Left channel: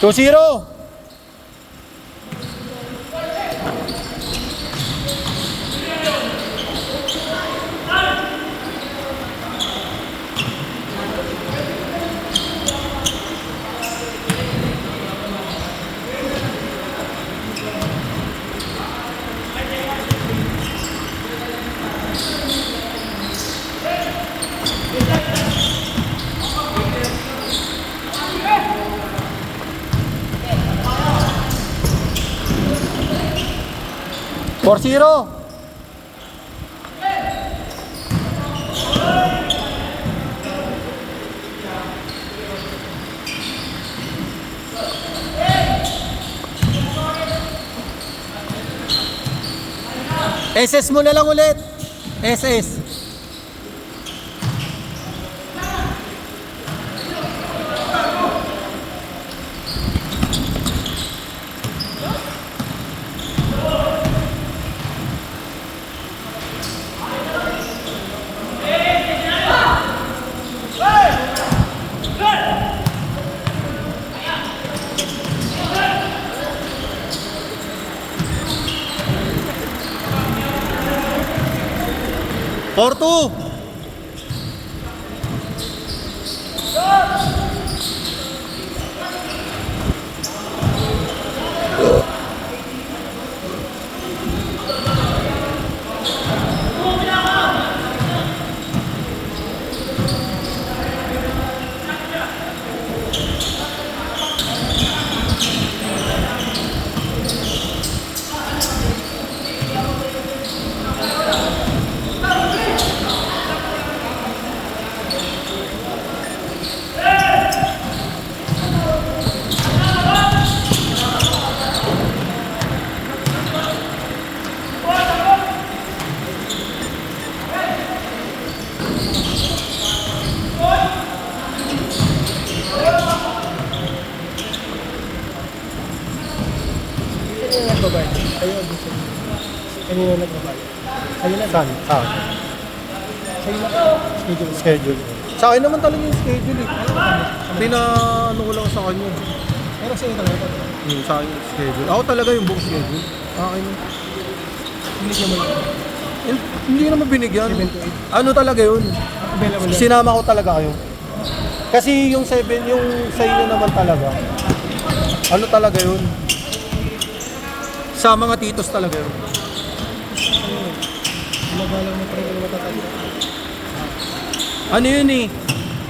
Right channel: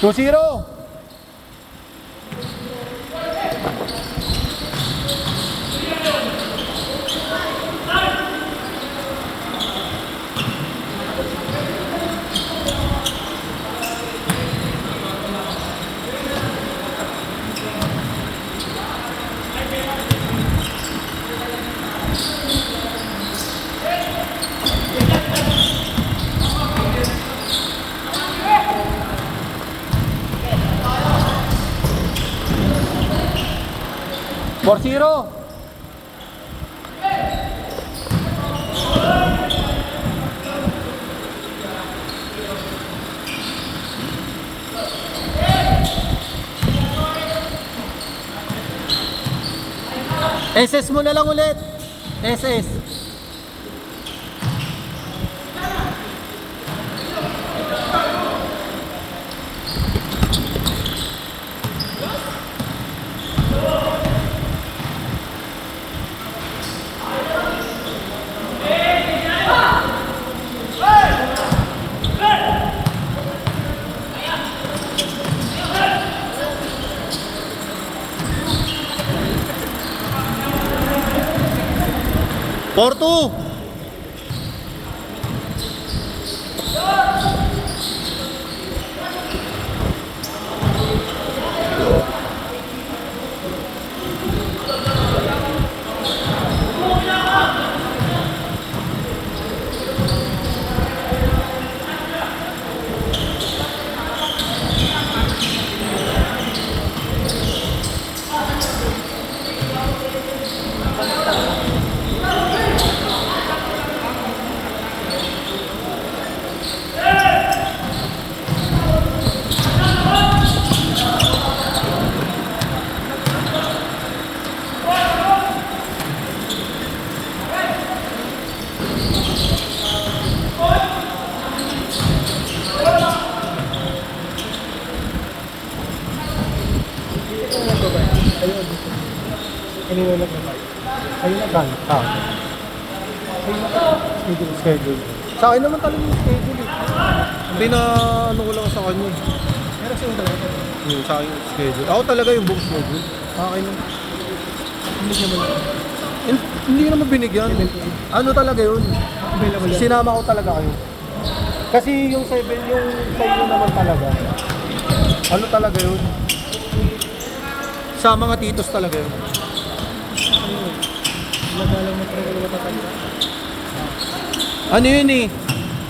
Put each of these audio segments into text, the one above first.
2-0. Four zero. SS mo na lang ulit. SS. Porto. Iniwan na ba tayo? Sa'yo na ba? Sa'yo na schedule. Sa akin naman talaga yung schedule eh. Ano ko lang sa kanya. Pero sa'yo talaga ito. Sa akin yung schedule. Ako talaga yung buong schedule. Akin yung... Binigyan mo lang. Hindi naman binigyan. 7 to 8. Ano talaga yun? Available lang. Sinama ko talaga kayo. Kasi yung 7, yung sa inyo naman talaga. Ano talaga yun? Sa mga titos talaga yun. Sa'yo eh. Nagalang mo pa rin ka matatanda. Ano yun eh?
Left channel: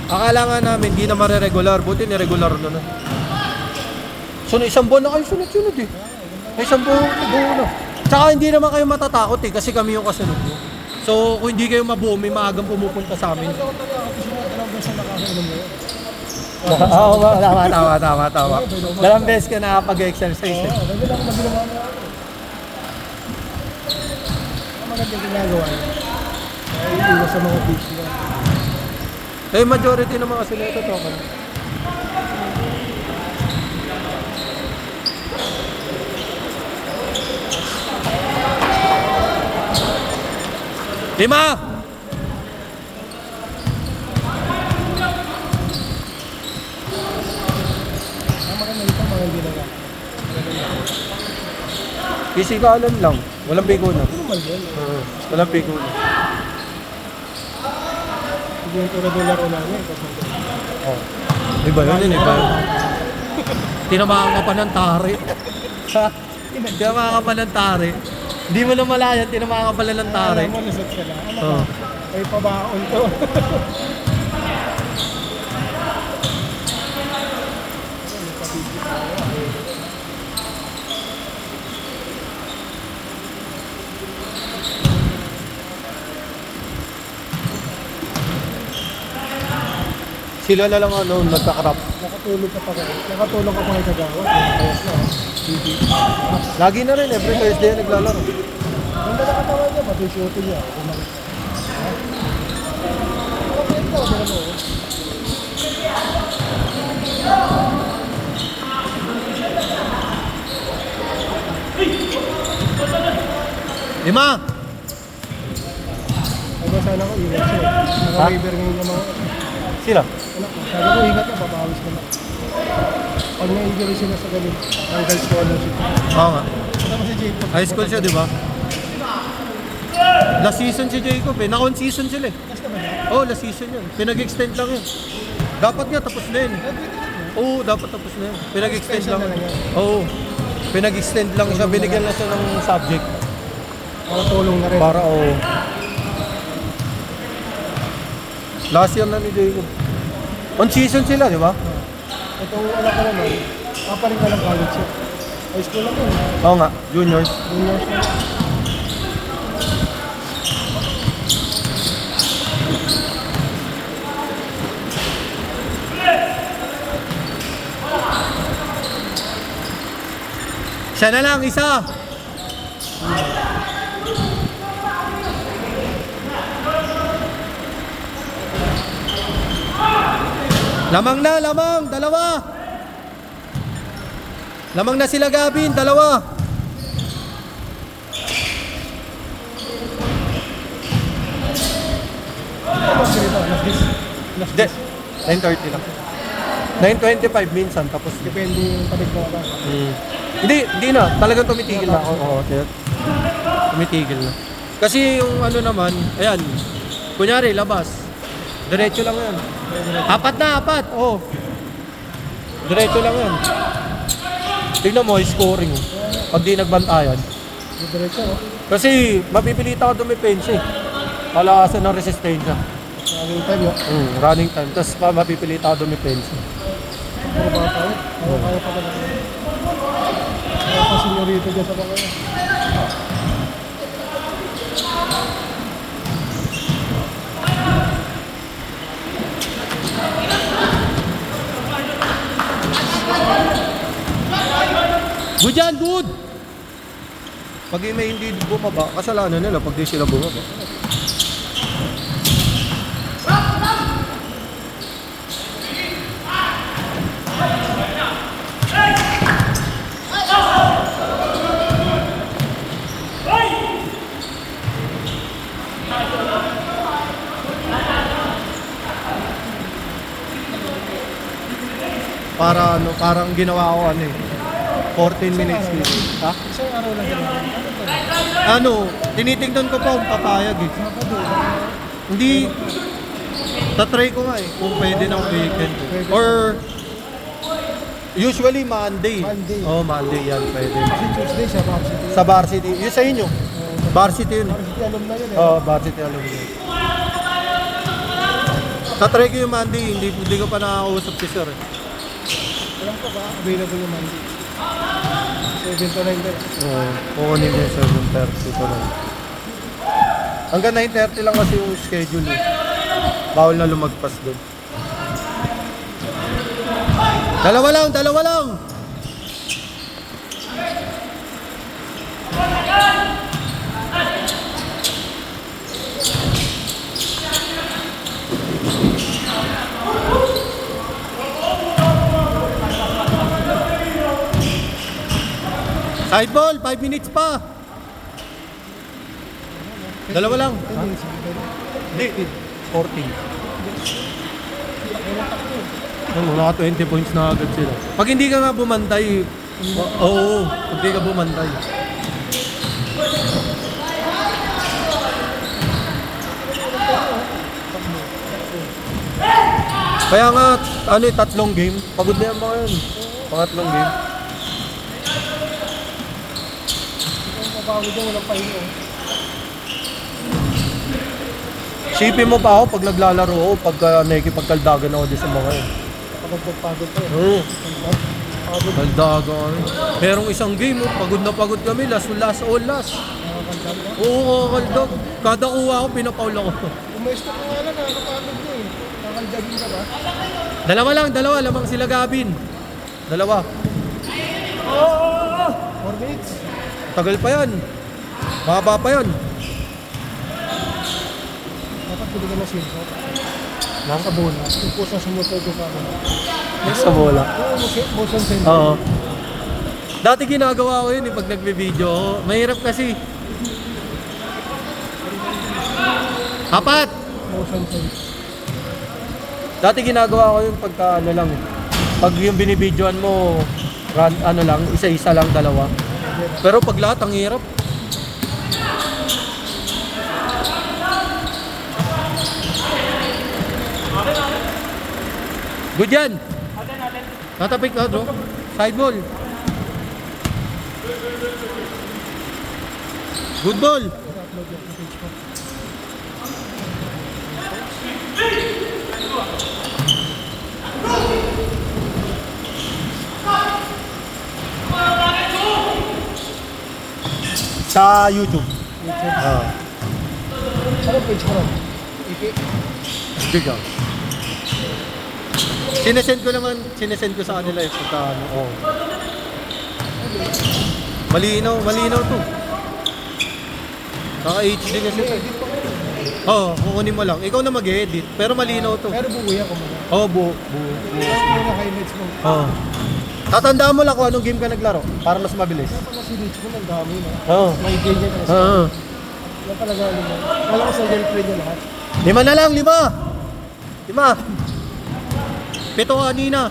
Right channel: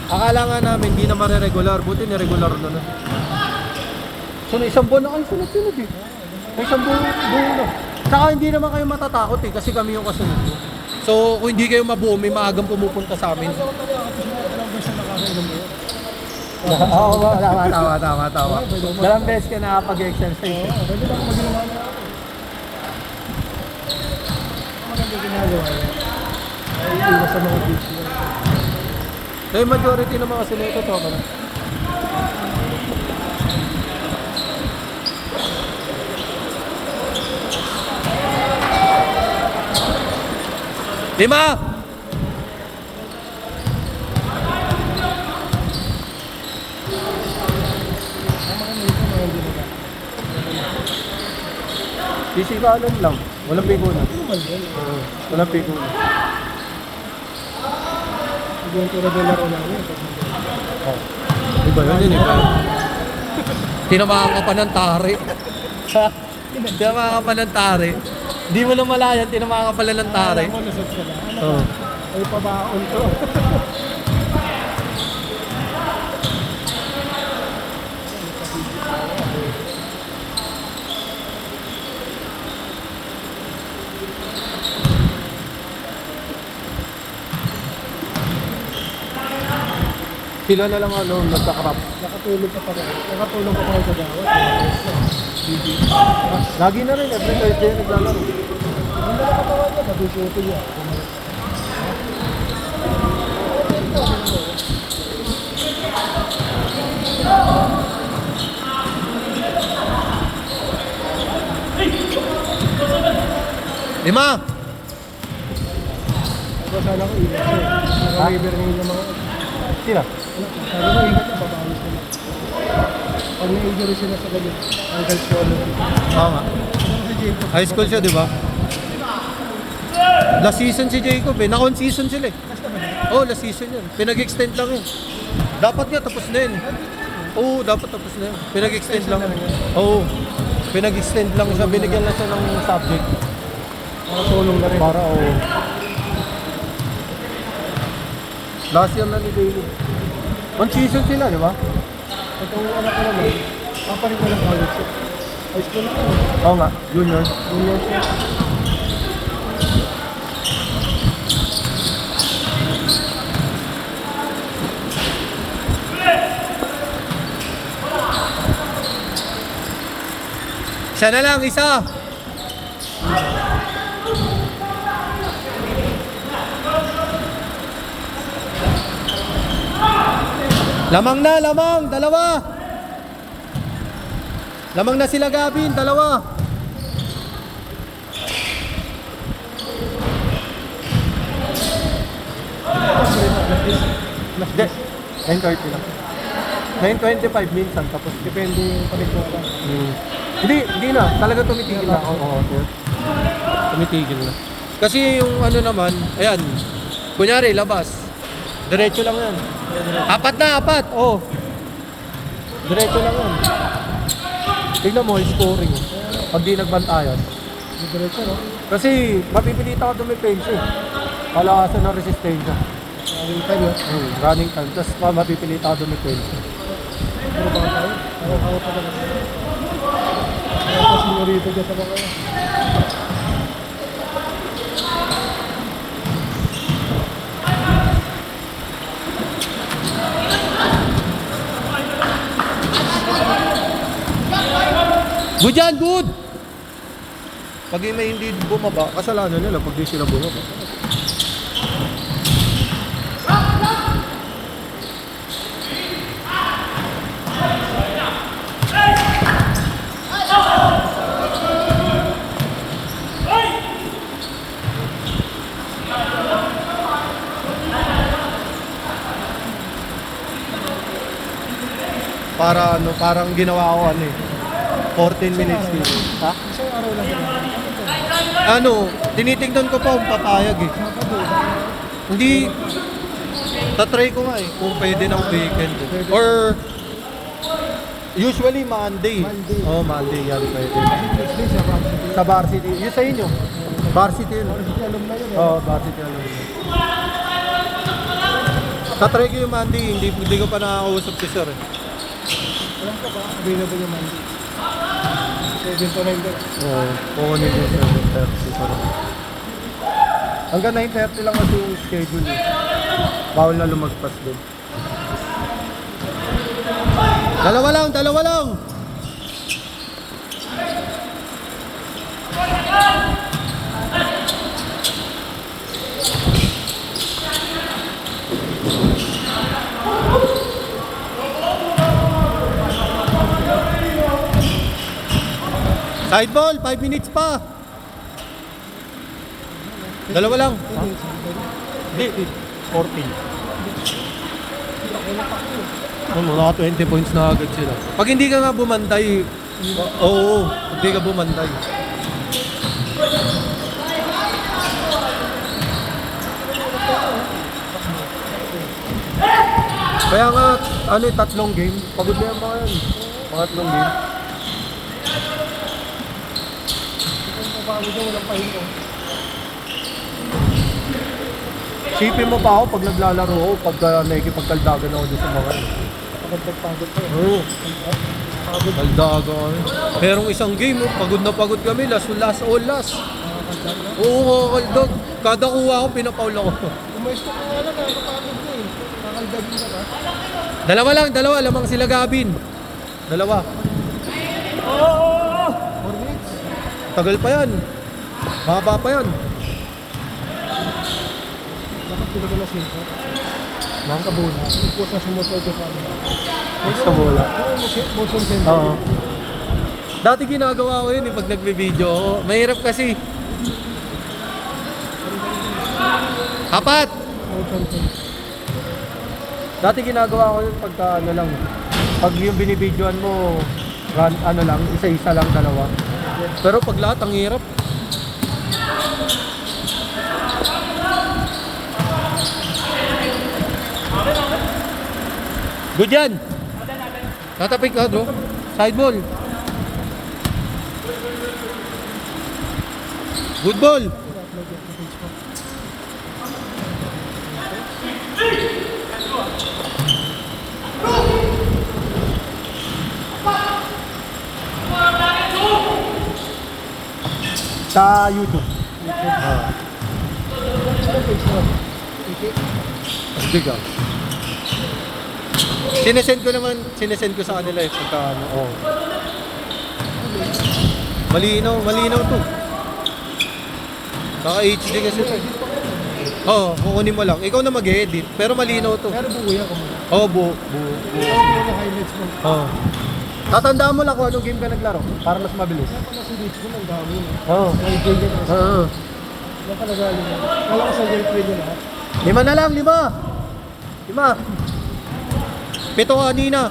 Akala nga namin hindi na mareregular. Buti niregular na na. So isang buwan na kayo sunod-sunod eh. May isang buwan na. Tsaka hindi naman kayo matatakot eh. Kasi kami yung kasunod mo. So kung hindi kayo mabuo, may maagang pumupunta sa amin. Ako tatakot kasi na dalawang beses na nakakainom mo yun. Oo, tama. Dalawang beses ka nakapag-exercise eh. Ano lang na ginawa na ako. Ano lang yung ginagawa? Ay, iwas sa mga beach yan. Eh, majority naman kasi nito to pa na. Lima! Pisikalan lang. Walang bigo na. Oo, walang bigo na. Hindi yung regular na lang. Oh. Iba yun, iba. Tinamaan ka pa ng tari. Tinamaan ka pa ng tari. Hindi mo na malayan, tinamaan ka pala ng tari. Alam mo, lusot sila. Ano Oo. ba? Ay, pabaon to. Sila na lang ano, nagkakrap. Nakatulog ka pa rin. Nakatulog ka pa rin sa gano'n. Lagi na rin, every Thursday naglalaro. Hindi na nakatawag ka, matututo niya. Lima! Kaya sana ako iwas siya. Naka-river ngayon naman ako. Sino? Sabi ko, ingat ka, babawas ka na. Pag may injury sila sa ganun, ang guys ko ano siya. Oo nga. Tapos si Jacob. High school siya, di ba? Last season si Jacob eh. Na-on season sila eh. Last naman na. Oo, last season yun. Pinag-extend lang yun. Dapat nga tapos na yun. Oo, dapat tapos na yun. Pinag-extend lang. Oo. Pinag-extend lang siya. Binigyan lang siya ng subject. Ako tulong na rin. Para oo. Last year na ni Jacob. On season sila, di ba? Ito anak ko naman. Kaparin ko lang college siya. High school ako. Oo nga, junior. Junior siya. Isa na lang, isa. Lamang na, lamang, dalawa. Lamang na sila Gavin, dalawa. Hindi, 9:30 lang. 9:25 minsan, tapos Depende yung panigwa lang. Hindi na. Talagang tumitigil na ako. Oo, sir. Tumitigil na. Kasi yung ano naman, ayan, kunyari, labas. Diretso lang yan. Apat na, apat. Oo. Diretso lang yan. Tignan mo, scoring. Pag di nagbantayan. Diretso, no? Kasi mapipilita ako dumipensa eh. Palakasan ng resistensya. Running time, no? Running time. Tapos mapipilita ako dumipensa. Ano ba tayo? Ano kaya pa talaga? Ako senyorito dyan sa mga. Good yan, good! Pag may hindi bumaba, kasalanan nila pag di sila bumaba. Para ano, parang ginawa ko ano eh. 14 minutes dito. Ha? Isang araw lang ba? Ano, tinitingnan ko pa kung papayag eh. Sabado. Hindi, tatry ko nga eh, kung pwede ng weekend eh. Or, usually Monday. Monday. Oh, Monday yan pwede. Tuesday sa varsity. Sa varsity, yun sa inyo. Varsity yun. Varsity alam na yun, eh. Oh, varsity alam mo yun. Tatry ko yung Monday, hindi ko pa nakakausap si sir eh. Walang pa ba? Available yung Monday. 7 to 9 ka. Oo, kukunin yung 7:30 sa lang. Hanggang 9:30 lang kasi yung schedule eh. Bawal na lumagpas doon. Dalawa lang, dalawa lang! Side ball, 5 minutes pa. Dalawa lang. Ha? Hindi, 14. Mga 20 points na agad sila. Pag hindi ka nga bumantay, oo, pag hindi ka bumantay. Kaya nga, ano eh, 3 game. Pagod na yan ba yun? 3 game. Sipin mo pa ako pag naglalaro ako, pag nakikipagkaldagan ako dyan sa mga yun. Pagod-pagod ko. Oo. Kaldagan kami. Merong isang game, oh, pagod na pagod kami, last. Nakakaldag ka? Oo, kakaldag. Kada kuha ako, pinapaul ako. Umayos ka pa nga lang, nakakapagod ka eh. Kakaldagin ka ba? Dalawa, lamang sila Gavin. Dalawa. 4 minutes. Tagal pa yan. Baba pa yan. Nakapili ka na silver. Nasa bola. Ipis na sumusunod sa amin. Sa bola. Motion sensor. Oo. Dati ginagawa ko yun eh, pag nagbe-video ako. Mahirap kasi. Apat! Motion sensor. Dati ginagawa ko yun pagka ano lang. Pag yung binibidyoan mo, ano lang, isa-isa lang, dalawa. Pero pag lahat, ang hirap. Good yan. Tatapik ka, bro. Side ball. Good ball. I-upload yan sa page ko. Sa YouTube. YouTube. Oh. Ano page mo? Iki? Sige ka. Sinesend ko sa kanila eh. Pagka ano, oh. Malinaw to. Saka HD kasi ito. Edit pa kayo. Oo, kukunin mo lang. Ikaw na mag-edit, pero malinaw to. Pero buo yan kumaga. Oo, buo. Ano mga highlights mo? Oo. Tatandaan mo lang kung anong game ka naglaro para mas mabilis. Kasi dito mo ang dami na. Oo. May ganyan na. Oo. Wala talaga yun. Alam ko sa girlfriend niya lahat. 5 na lang, 5. 7 kanina.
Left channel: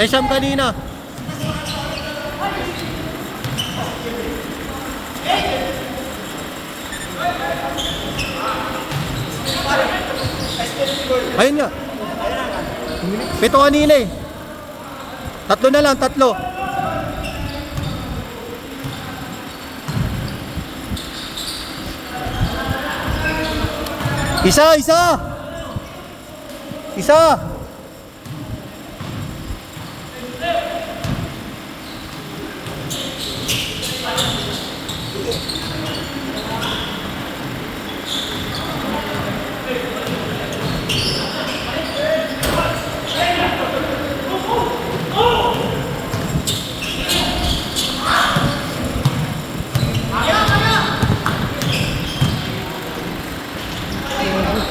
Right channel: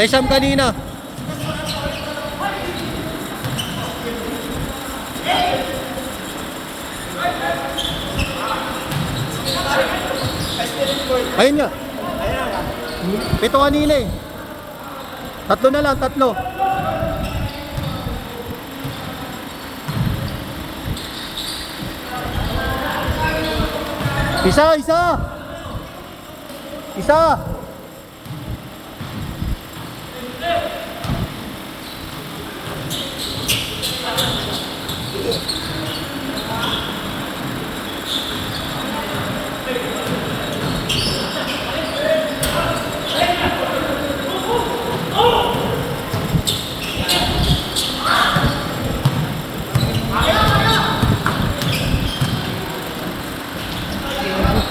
Ay, Sam kanina. Ayun nga. 7 kanina eh. 3 na lang, 3. Isa.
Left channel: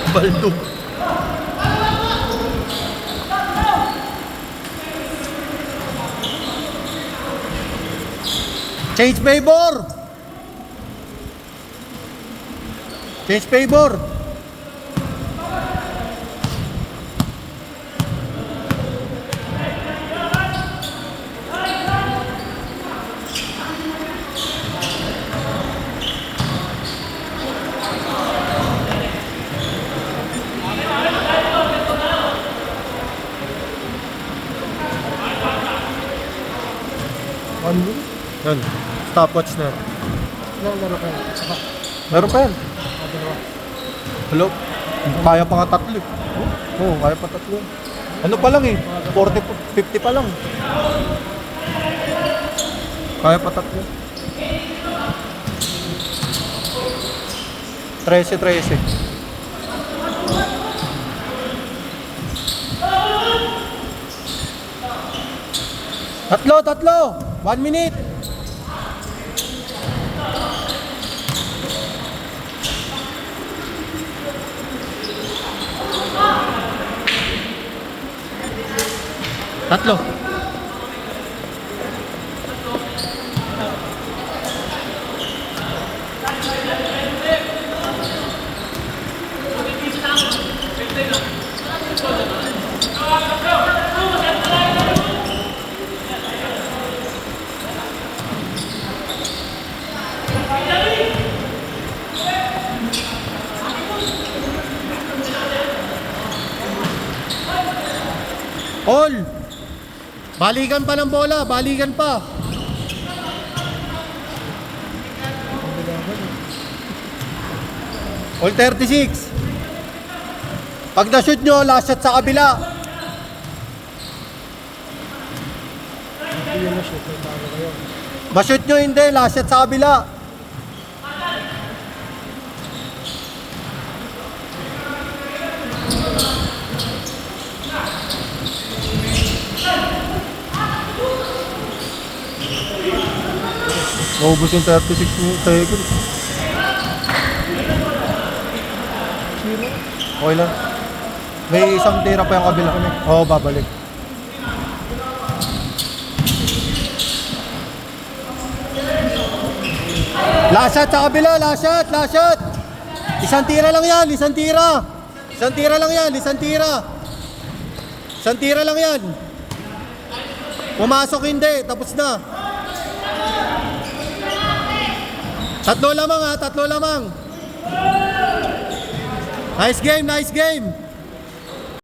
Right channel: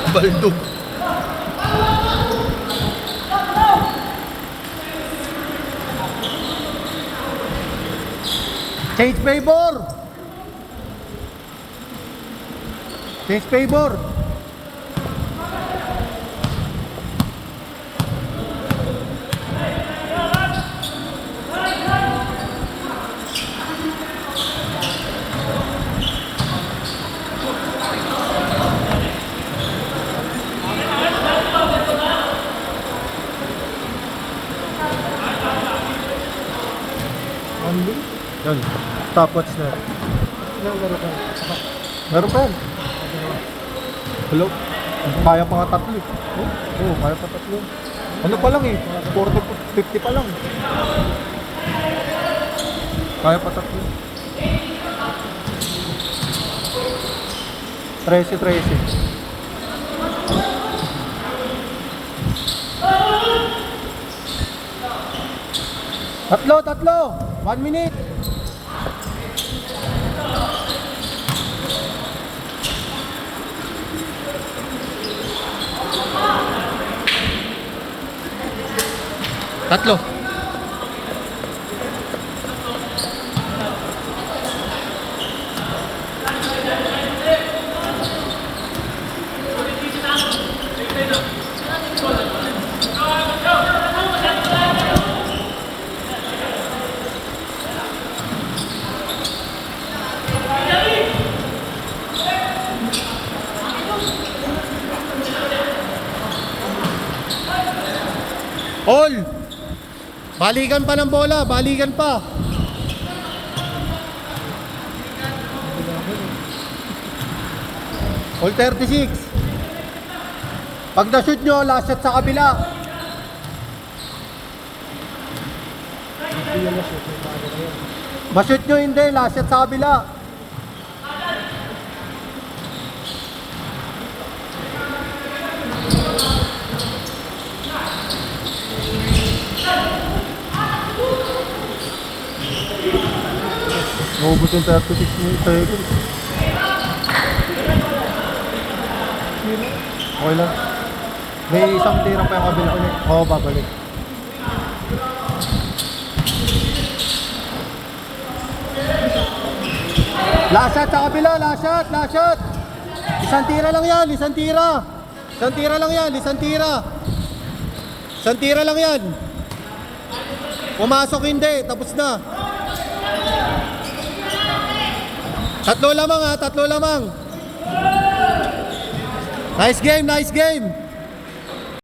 Baldog. Change favor. Change favor. Ano? Yan. Stopwatch na yan. Meron ka. Meron pa yan. Hello? Kaya pa nga 3 eh. Oo, kaya pa 3. Ano pa lang eh? 40, 50 pa lang. Kaya pa 3. 13. Tatlo. 1 minute. Tatlo. All. Balikan pa ng bola, balikan pa. All 36. Pag na-shoot nyo, last shot sa kabila. Hindi yan na-shoot. Ma-shoot nyo hindi, last shot sa kabila. Maubos yung 36 seconds. Okay lang. May isang tira pa yung kabila. Oo, babalik. Last shot sa kabila, last shot. Isang tira lang yan, isang tira lang yan. Pumasok hindi, tapos na. Tatlo lamang ha, tatlo lamang. Nice game, nice game.